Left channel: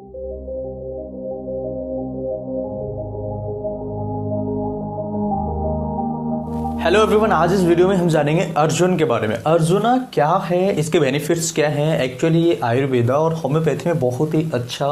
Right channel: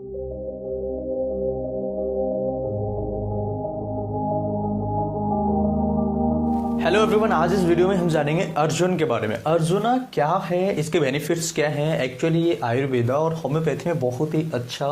Hello everyone, आज इस video में हम जानेंगे अर्जुन के बारे में। अर्जुना क्या है, इसके बेनिफिट्स क्या हैं। एक्चुअली ये आयुर्वेदा और होम्योपैथी में बहुत ही अच्छा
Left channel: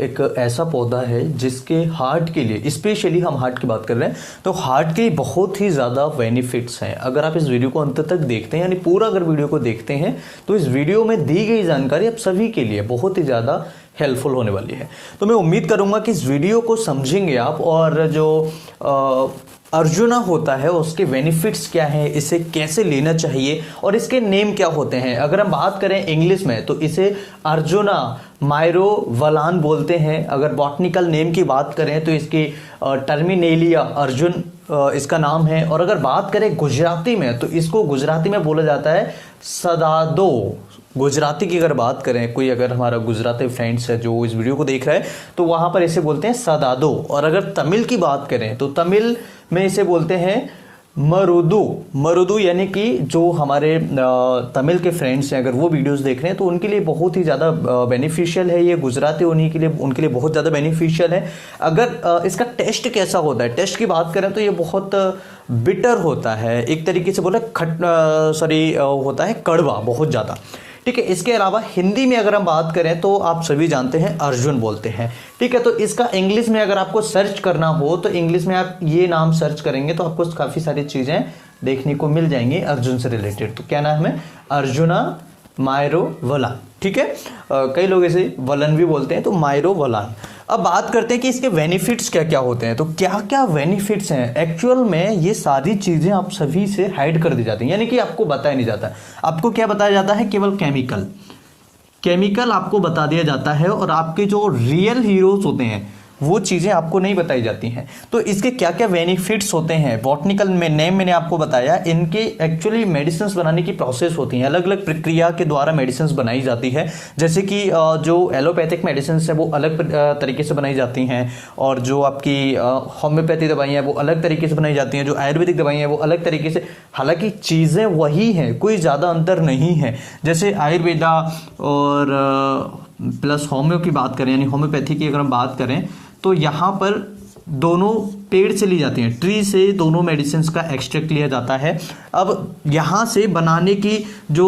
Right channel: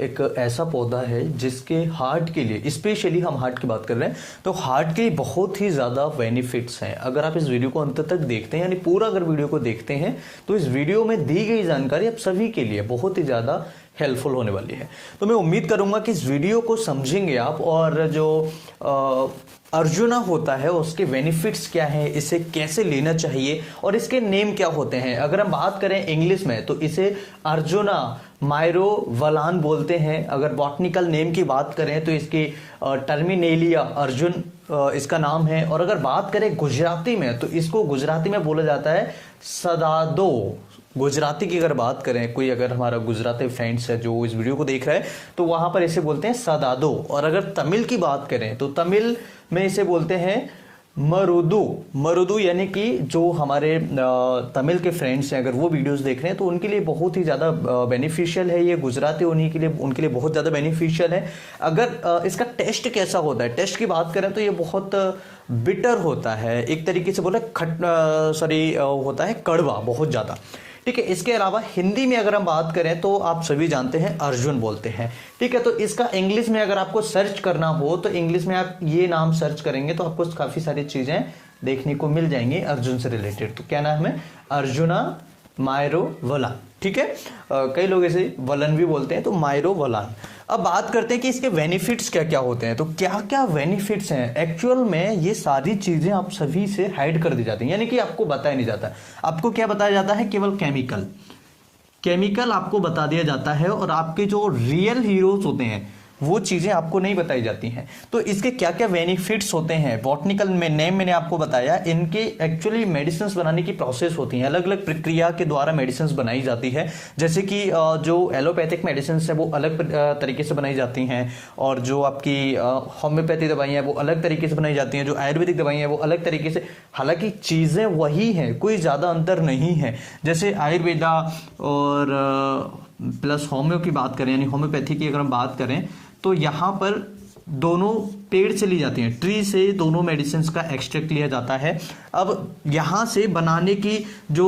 एक ऐसा पौधा है जिसके हार्ट के लिए, स्पेशली हम हार्ट की बात कर रहे हैं तो हार्ट के बहुत ही ज़्यादा बेनिफिट्स हैं। अगर आप इस वीडियो को अंत तक देखते हैं, यानी पूरा अगर वीडियो को देखते हैं तो इस वीडियो में दी गई जानकारी आप सभी के लिए बहुत ही ज़्यादा हेल्पफुल होने वाली है। तो मैं उम्मीद करूंगा कि इस वीडियो को समझेंगे आप, और जो अर्जुना होता है उसके बेनिफिट्स क्या है, इसे कैसे लेना चाहिए और इसके नेम क्या होते हैं। अगर हम बात करें इंग्लिश में तो इसे अर्जुना माइरोवलान बोलते हैं। अगर बॉटनिकल नेम की बात करें तो इसकी टर्मिनेलिया अर्जुन इसका नाम है। और अगर बात करें गुजराती में तो इसको गुजराती में बोला जाता है सदादो। गुजराती की अगर बात करें, कोई अगर हमारा गुजराती फ्रेंड्स है जो इस वीडियो को देख रहा है तो वहां पर इसे बोलते हैं सदादो। और अगर तमिल की बात करें तो तमिल में इसे बोलते हैं मरुदु। मरुदु यानी कि जो हमारे तमिल के फ्रेंड्स हैं, अगर वो वीडियोस देख रहे हैं तो उनके लिए बहुत ही ज़्यादा बेनिफिशियल है ये। गुजराती उनके लिए बहुत ज़्यादा बेनिफिशियल है। अगर इसका टेस्ट कैसा होता है, टेस्ट की बात करें तो ये बहुत बिटर होता है, एक तरीके से बोले होता है कड़वा बहुत ज़्यादा। ठीक है। इसके अलावा हिंदी में अगर हम बात करें तो आप सभी जानते हैं अर्जुन बोलते हैं। ठीक है। तो इसका इंग्लिश में अगर आपको सर्च करना हो तो इंग्लिश में आप ये नाम सर्च करेंगे तो आपको काफी सारी चीजें देखने को मिल जाएंगी अर्जुन से रिलेटेड। तो क्या नाम है? अर्जुना माइरोवलान। ठीक है। कई लोग इसे वलन भी बोलते हैं, तो माइरोवलान। अब बात करते हैं कि इसके बेनिफिट्स क्या क्या होते हैं। तो क्या क्या बेनिफिट्स हैं, एक्चुअल में ये सारी चीजें आप सभी से हाइड कर दी जाती हैं, यानी कि आपको बताया नहीं जाता। आपको क्या बताया जाता है? केवल केमिकल आपको बता दिया जाता है, और आपके जो रियल हीरोज होते हैं वो चीजें आपको नहीं बताई जाती हैं। तो इसके क्या क्या बेनिफिट्स होते हैं, बॉटनिकल में नेम मैंने आपको बताया। इनके एक्चुअली मेडिसिन बनाने की प्रोसेस होती है, अलग अलग प्रक्रिया के द्वारा मेडिसिन बनाई जाती है। जैसे कि जो एलोपैथिक मेडिसिन है वो अलग तरीके से बनाई जाती हैं, और जो आपकी होम्योपैथी दवाइयाँ हैं वो अलग तरीके से बनाई जाती हैं, जो आयुर्वेदिक दवाइयाँ हैं वो अलग तरीके से। हालांकि चीजें वही हैं, कोई ज्यादा अंतर नहीं है। जैसे आयुर्वेदा और प्लस होम्यो की बात करें, यानी होम्योपैथी की अगर हम बात करें तो यहाँ पर दोनों पेड़ से ली जाती हैं, ट्री से दोनों मेडिसिन का एक्सट्रैक्ट लिया जाता है। अब यहाँ से बनाने की जो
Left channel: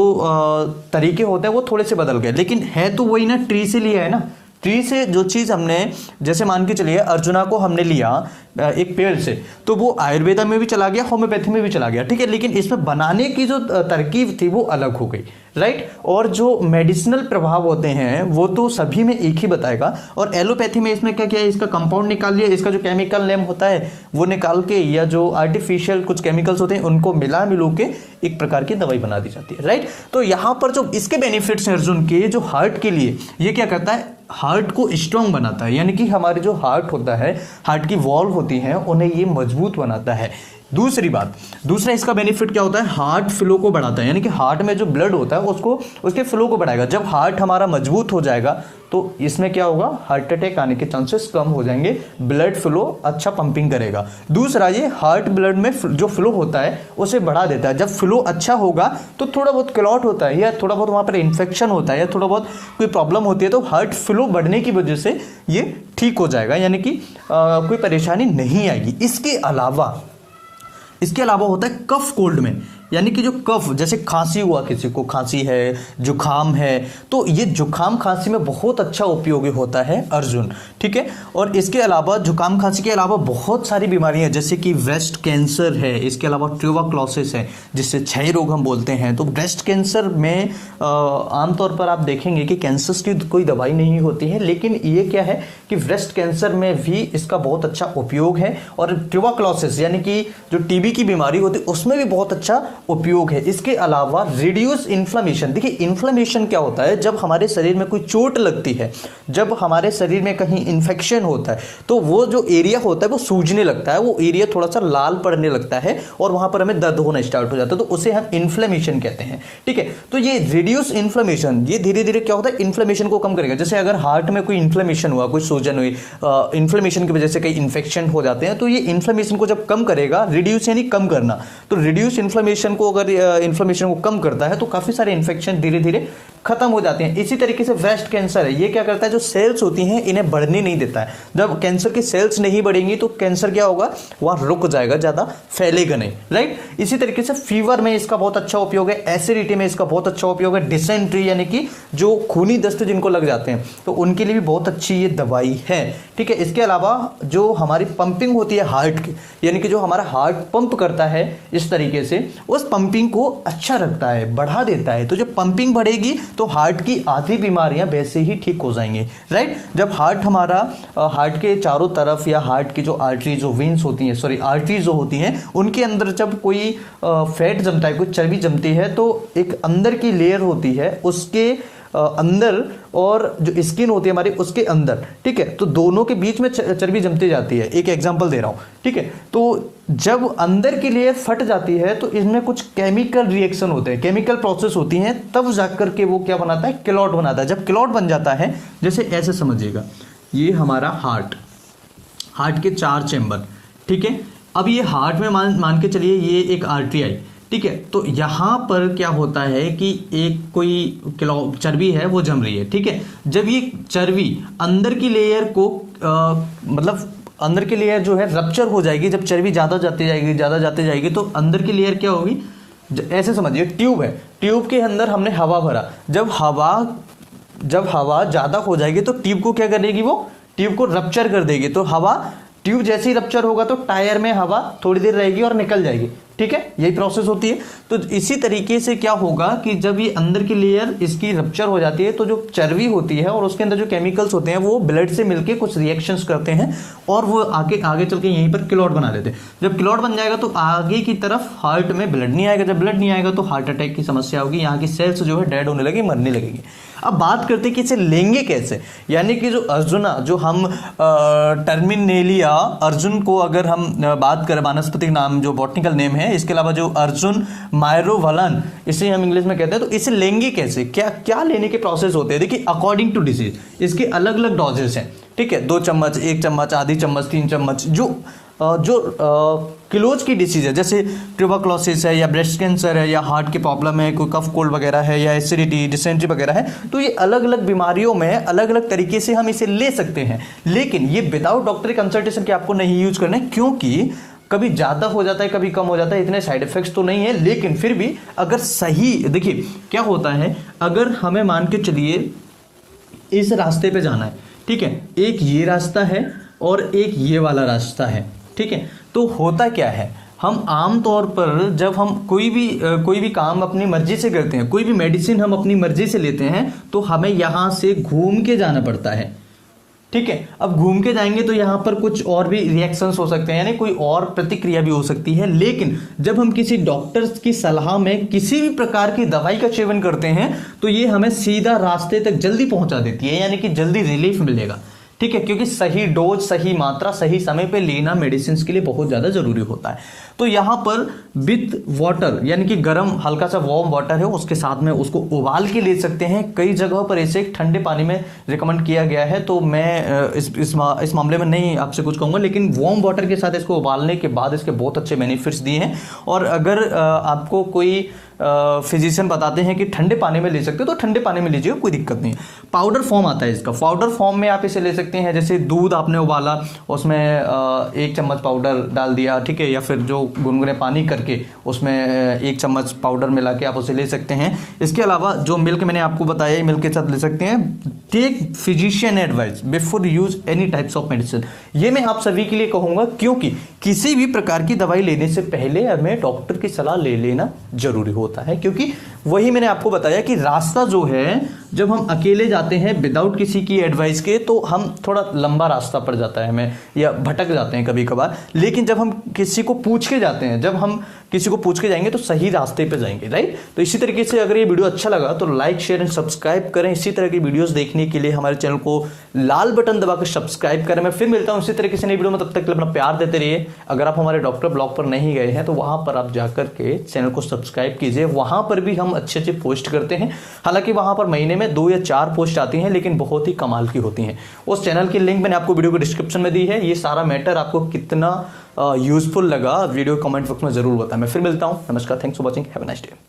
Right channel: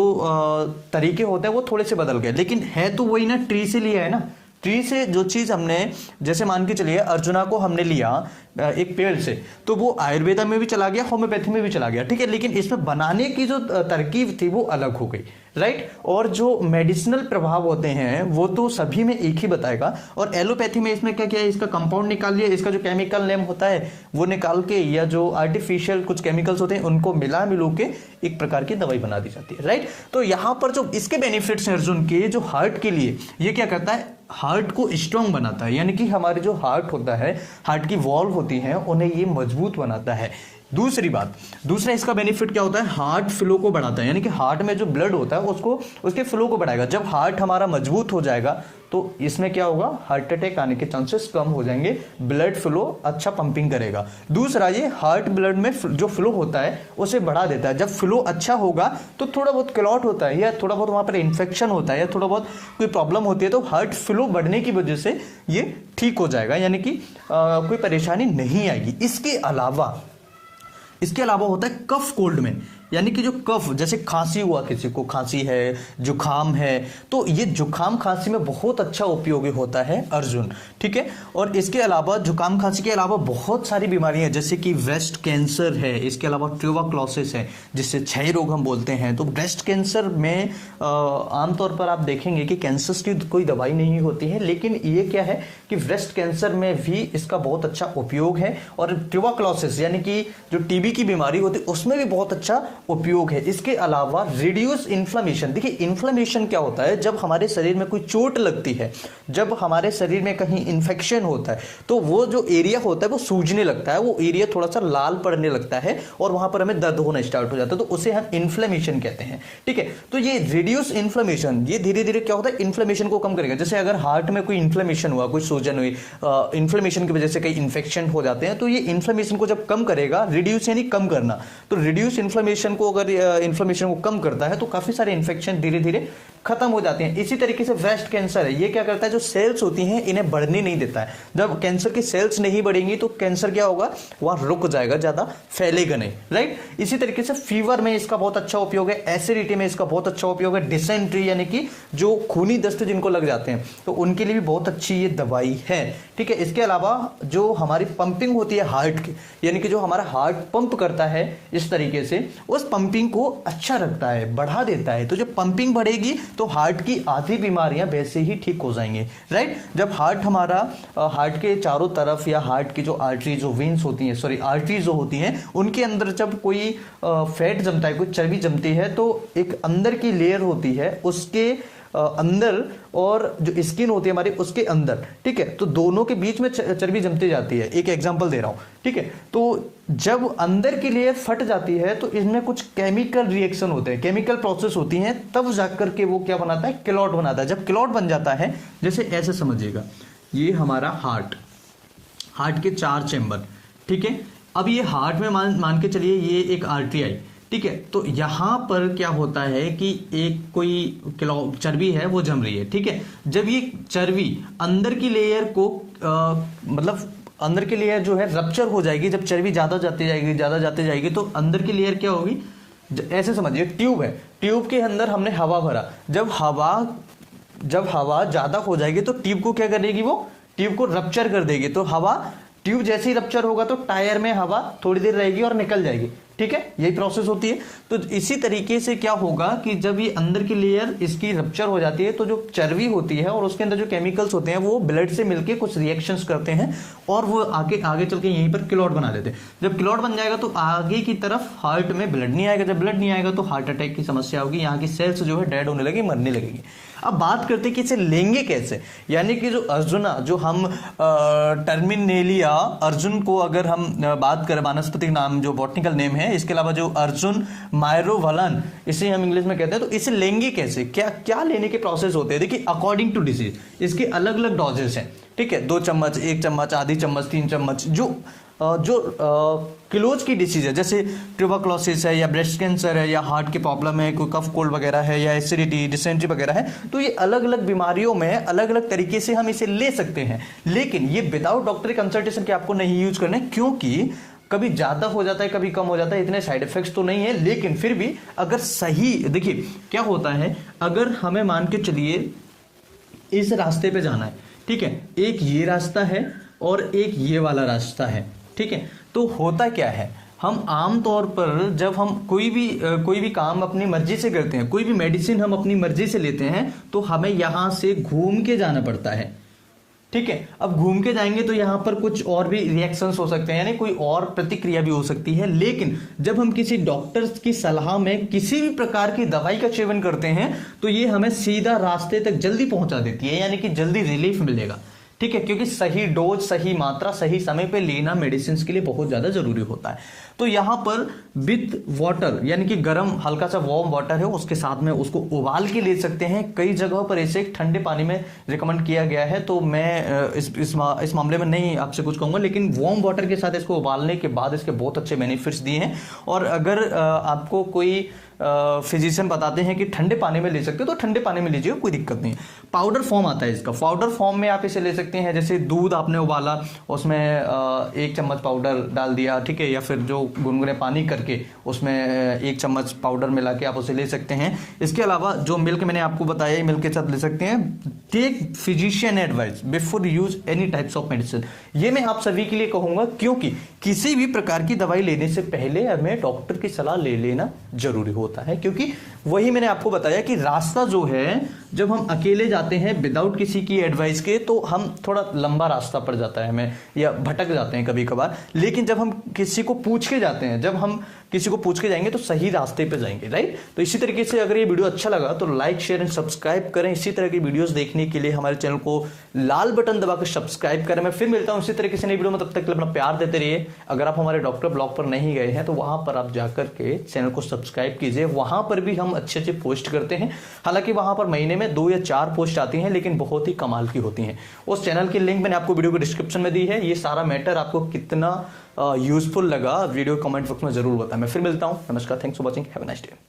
तरीके होते हैं वो थोड़े से बदल गए, लेकिन है तो वही ना, ट्री से लिया है ना। ट्री से जो चीज हमने, जैसे मान के चलिए अर्जुना को हमने लिया एक पेड़ से, तो वो आयुर्वेदा में भी चला गया, होम्योपैथी में भी चला गया। ठीक है। लेकिन इसमें बनाने की जो तरकीब थी वो अलग हो गई, राइट। और जो मेडिसिनल प्रभाव होते हैं वो तो सभी में एक ही बताएगा। और एलोपैथी में इसमें क्या किया है, इसका कंपाउंड निकाल लिया, इसका जो केमिकल नेम होता है वो निकाल के, या जो आर्टिफिशियल कुछ केमिकल्स होते हैं उनको मिलू के एक प्रकार की दवाई बना दी जाती है, राइट। तो यहाँ पर जो इसके बेनिफिट्स हैं अर्जुन के, जो हार्ट के लिए, ये क्या करता है, हार्ट को स्ट्रांग बनाता है, यानी कि हमारे जो हार्ट होता है, हार्ट की वॉल्व होती है, उन्हें ये मजबूत बनाता है। दूसरा इसका बेनिफिट क्या होता है, हार्ट फ्लो को बढ़ाता है, यानी कि हार्ट में जो ब्लड होता है उसके फ्लो को बढ़ाएगा। जब हार्ट हमारा मजबूत हो जाएगा तो इसमें क्या होगा, हार्ट अटैक आने के चांसेस कम हो जाएंगे, ब्लड फ्लो अच्छा पंपिंग करेगा। दूसरा, ये हार्ट ब्लड में जो फ्लो होता है उसे बढ़ा देता है। जब फ्लो अच्छा होगा तो थोड़ा बहुत क्लॉट होता है, या थोड़ा बहुत वहां पर इन्फेक्शन होता है, या थोड़ा बहुत कोई प्रॉब्लम होती है, तो हार्ट फ्लो बढ़ने की वजह से ये ठीक हो जाएगा, यानी कि कोई परेशानी नहीं आएगी। इसके अलावा होता है कफ कोल्ड में, यानी कि जो कफ, जैसे खांसी हुआ, किसी को खांसी है, जुखाम है, तो ये जुखाम खांसी में बहुत अच्छा उपयोगी होता है अर्जुन। ठीक है। और इसके अलावा जुखाम खांसी के अलावा बहुत सारी बीमारियां, जैसे कि ब्रेस्ट कैंसर है, इसके अलावा ट्यूबरक्लोसिस है जिससे क्षय रोग हम बोलते हैं। तो ब्रेस्ट कैंसर में आमतौर पर आप देखेंगे कि कैंसर की कोई दवाई नहीं होती है, लेकिन ये क्या है कि ब्रेस्ट कैंसर में भी इसका बहुत अच्छा उपयोग है। और ट्यूबरक्लोसिस यानी कि जो टीबी की बीमारी होती है उसमें भी बहुत अच्छा उपयोग है। इसके अलावा रिड्यूस इन्फ्लेमेशन। देखिए इन्फ्लेमेशन क्या होता है, जब हमारे शरीर में कोई चोट लगती है, जब हमारे शरीर में कहीं इन्फेक्शन होता है तो वो जो एरिया होता है वो सूजने लगता है, वो एरिया थोड़ा सा लाल पड़ने लगता है और वहां पर हमें दर्द होना स्टार्ट हो जाता है, तो उसे हम इन्फ्लेमेशन कहते हैं। ठीक है। तो ये रिड्यूस इन्फ्लेमेशन, ये धीरे धीरे क्या होता है, इन्फ्लेमेशन को कम करेगा। जैसे अगर हार्ट में कोई इन्फ्लेमेशन हुआ, कोई सूजन हुई, इन्फ्लेमेशन की वजह से कई इन्फेक्शन हो जाते हैं, तो ये इन्फ्लेमेशन को जब कम करेगा, रिड्यूस यानी कम करना, तो रिड्यूस इन्फ्लेमेशन को, अगर इन्फ्लेमेशन को कम करता है तो काफी सारे इन्फेक्शन धीरे धीरे खत्म हो जाती हैं। इसी तरीके से ब्रेस्ट कैंसर है, ये क्या करता है, जो सेल्स होती हैं इन्हें बढ़ने नहीं देता है। जब कैंसर की सेल्स नहीं बढ़ेंगी तो कैंसर क्या होगा, वह रुक जाएगा, ज्यादा फैलेगा नहीं, राइट। इसी तरीके से फीवर में इसका बहुत अच्छा उपयोग है, एसिडिटी में इसका बहुत अच्छा उपयोग है, डिसेंट्री यानी कि जो खूनी दस्त जिनको लग जाते हैं तो उनके लिए भी बहुत अच्छी ये दवाई है, ठीक है। इसके अलावा जो हमारी पंपिंग होती है हार्ट की, यानी कि जो हमारा हार्ट पंप करता है इस तरीके से, उस पंपिंग को अच्छा रखता है, बढ़ा देता है। तो जब पंपिंग बढ़ेगी तो हार्ट की आधी बीमारियां वैसे ही ठीक हो जाएंगी, राइट। जब हार्ट हमारा हार्ट के चारों तरफ या हार्ट की जो आर्टरी जो वेन्स होती हैं, सॉरी आर्टरी जो होती हैं, उनके अंदर जब कोई फैट जमता है, कोई चर्बी जमती है, तो एक अंदर की लेयर होती है उसके अंदर और जो स्किन होती है हमारी उसके अंदर, ठीक है, तो दोनों के बीच में चर्बी जमती जाती है। एक एग्जांपल दे रहा हूं, ठीक है। तो जब अंदर की लेयर फट जाती है तो इसमें कुछ केमिकल रिएक्शन होते हैं, केमिकल प्रोसेस होती हैं, तब जाकर के वो क्या बनाता है, क्लॉट बनाता है। जब क्लॉट बन जाता है, जैसे ऐसे समझिएगा, ये हमारा हार्ट के 4 चैम्बर, ठीक है। अब ये हार्ट में मान के चलिए ये एक आर्टरी आई, ठीक है। तो यहां पर क्या होता है कि एक कोई चर्बी है वो जम रही है, ठीक है। जब ये चर्बी अंदर की लेयर को मतलब अंदर की लेयर जो है रप्चर हो जाएगी, जब चर्बी ज्यादा जाती जाएगी तो अंदर की लेयर क्या होगी, ऐसे समझिए ट्यूब है, ट्यूब के अंदर हमने हवा भरा, जब हवा ज्यादा हो जाएगी तो ट्यूब को क्या करेगी, वो ट्यूब को रप्चर कर देगी। तो ट्यूब जैसे ही रप्चर होगा तो टायर में हवा थोड़ी देर रहेगी और निकल जाएगी, ठीक है, यही प्रोसेस होती है। तो इसी तरीके से क्या होगा कि जब ये अंदर की लेयर इसकी रप्चर हो जाती है तो जो चर्बी होती है और उसके अंदर जो केमिकल्स होते हैं वो ब्लड से मिलके कुछ रिएक्शंस करते हैं और वो आगे चल के यहीं पर क्लॉट बना देते हैं। जब क्लॉट बन जाएगा तो आगे की तरफ हार्ट में ब्लड नहीं आएगा, जब ब्लड नहीं आएगा तो हार्ट अटैक की समस्या होगी, यहाँ की सेल्स जो है डेड होने लगेगी, मरने लगेगी। अब बात करते हैं कि इसे लेंगे कैसे, यानी कि जो अर्जुना, जो हम टर्मिनेलिया अर्जुन को अगर हम बात करें, वानस्पतिक नाम जो बॉटनिकल नेम है, इसके अलावा जो अर्जुन मायरोवलन इसे हम इंग्लिश में कहते हैं, तो इसे लेंगे कैसे, क्या लेने के प्रोसेस होते हैं। देखिए अकॉर्डिंग टू डिजीज इसके अलग अलग डोजेस हैं, ठीक है, 2 चम्मच, 1 चम्मच, आधी चम्मच, 3 चम्मच। जो किलोज की डिसीज है, जैसे ट्यूबरक्लोसिस है या ब्रेस्ट कैंसर है या हार्ट की प्रॉब्लम है, कोई कफ कोल्ड वगैरह है या एसिडिटी, डिसेंट्री वगैरह है, तो ये अलग अलग बीमारियों में अलग अलग तरीके से हम इसे ले सकते हैं। लेकिन ये विदाउट डॉक्टरी कंसल्टेशन के आपको नहीं यूज करना है, क्योंकि कभी ज्यादा हो जाता है, कभी कम हो जाता है, इतने साइड इफेक्ट्स तो नहीं है। लेकिन फिर भी अगर सही, देखिए क्या होता है, अगर हमें मान के चलिए इस रास्ते पे जाना है, ठीक है, एक ये रास्ता है और एक ये वाला रास्ता है, ठीक है, तो होता क्या है, हम आम तौर पर जब हम कोई भी काम अपनी मर्जी से करते हैं, कोई भी मेडिसिन हम अपनी मर्जी से लेते हैं, तो हमें यहां से घूम के जाना पड़ता है, ठीक है। अब घूम के जाएंगे तो यहां पर कुछ और भी रिएक्शंस हो सकते हैं, यानी कोई और प्रतिक्रिया भी हो सकती है। लेकिन जब हम किसी डॉक्टर की सलाह में किसी भी प्रकार की दवाई का सेवन करते हैं तो ये हमें सीधा रास्ते तक जल्दी पहुंचा देती है, यानी कि जल्दी रिलीफ मिलेगा, ठीक है, क्योंकि सही डोज, सही मात्रा, सही समय पे लेना मेडिसिन के लिए बहुत ज्यादा जरूरी होता है। तो यहां पर विथ वाटर, यानी कि गर्म हल्का सा वार्म वाटर है, उसके साथ में उसको उबाल के ले सकते हैं। कई जगहों पर इसे ठंडे पानी में रिकमेंड किया गया है, तो मैं इस मामले में नहीं आपसे कुछ कहूंगा, लेकिन वार्म वाटर के साथ इसको उबालने के बाद इसके बहुत अच्छे बेनिफिट्स दिए हैं। और अगर आपको कोई फिजिशियन बताते हैं कि ठंडे पानी में ले सकते हो तो ठंडे पानी में लीजिए, कोई दिक्कत नहीं है। पाउडर फॉर्म आता है इसका, पाउडर फॉर्म में आप इसे ले सकते हैं, जैसे दूध आपने उबाला, उसमें 1 चम्मच पाउडर डाल दिया, ठीक है, या फिर जो गुनगुने पानी करके उसमें 1 चम्मच पाउडर मिला के आप उसे ले सकते हैं। इसके अलावा जो मिल्क मैंने आपको बताया, मिल्क के साथ ले सकते हैं। Take physician advice before use any types of medicine, ये मैं आप सभी के लिए कहूंगा, क्योंकि किसी भी प्रकार की दवाई लेने से पहले हमें डॉक्टर की सलाह ले लेना जरूरी होता है, क्योंकि वही मैंने आपको बताया कि रास्ता जो है, जब हम अकेले जाते हैं विदाउट किसी की एडवाइस के, तो हम थोड़ा लंबा रास्ता पड़ जाता है हमें, या भटक जाते हैं कभी कभार। लेकिन जब हम किसी को पूछ के जाते हैं, जब हम किसी को पूछ के जाएंगे तो सही रास्ते पे जाएंगे, राइट। तो इसी तरीके से अगर ये वीडियो अच्छा लगा तो लाइक, शेयर एंड सब्सक्राइब करें। इसी तरह की वीडियोस देखने के लिए हमारे चैनल को लाल बटन दबाकर सब्सक्राइब करें। मैं फिर मिलता हूं इसी तरीके से नई वीडियो में, तब तक अपना प्यार देते रहिए। अगर आप हमारे डॉक्टर ब्लॉग पर नहीं गए हैं तो वहां पर आप जाकर के चैनल को सब्सक्राइब कीजिए, वहां पर भी हम अच्छे अच्छे पोस्ट करते हैं। हालांकि वहां पर महीने में 2 या 4 पोस्ट आती हैं, लेकिन बहुत ही कमाल की होती हैं। उस चैनल की लिंक मैंने आपको वीडियो को डिस्क्रिप्शन में दी है। ये सारा मैटर आपको कितना यूजफुल लगा वीडियो कमेंट बॉक्स में जरूर बताएं। मैं फिर मिलता हूं, नमस्कार, thanks for watching, have a nice day.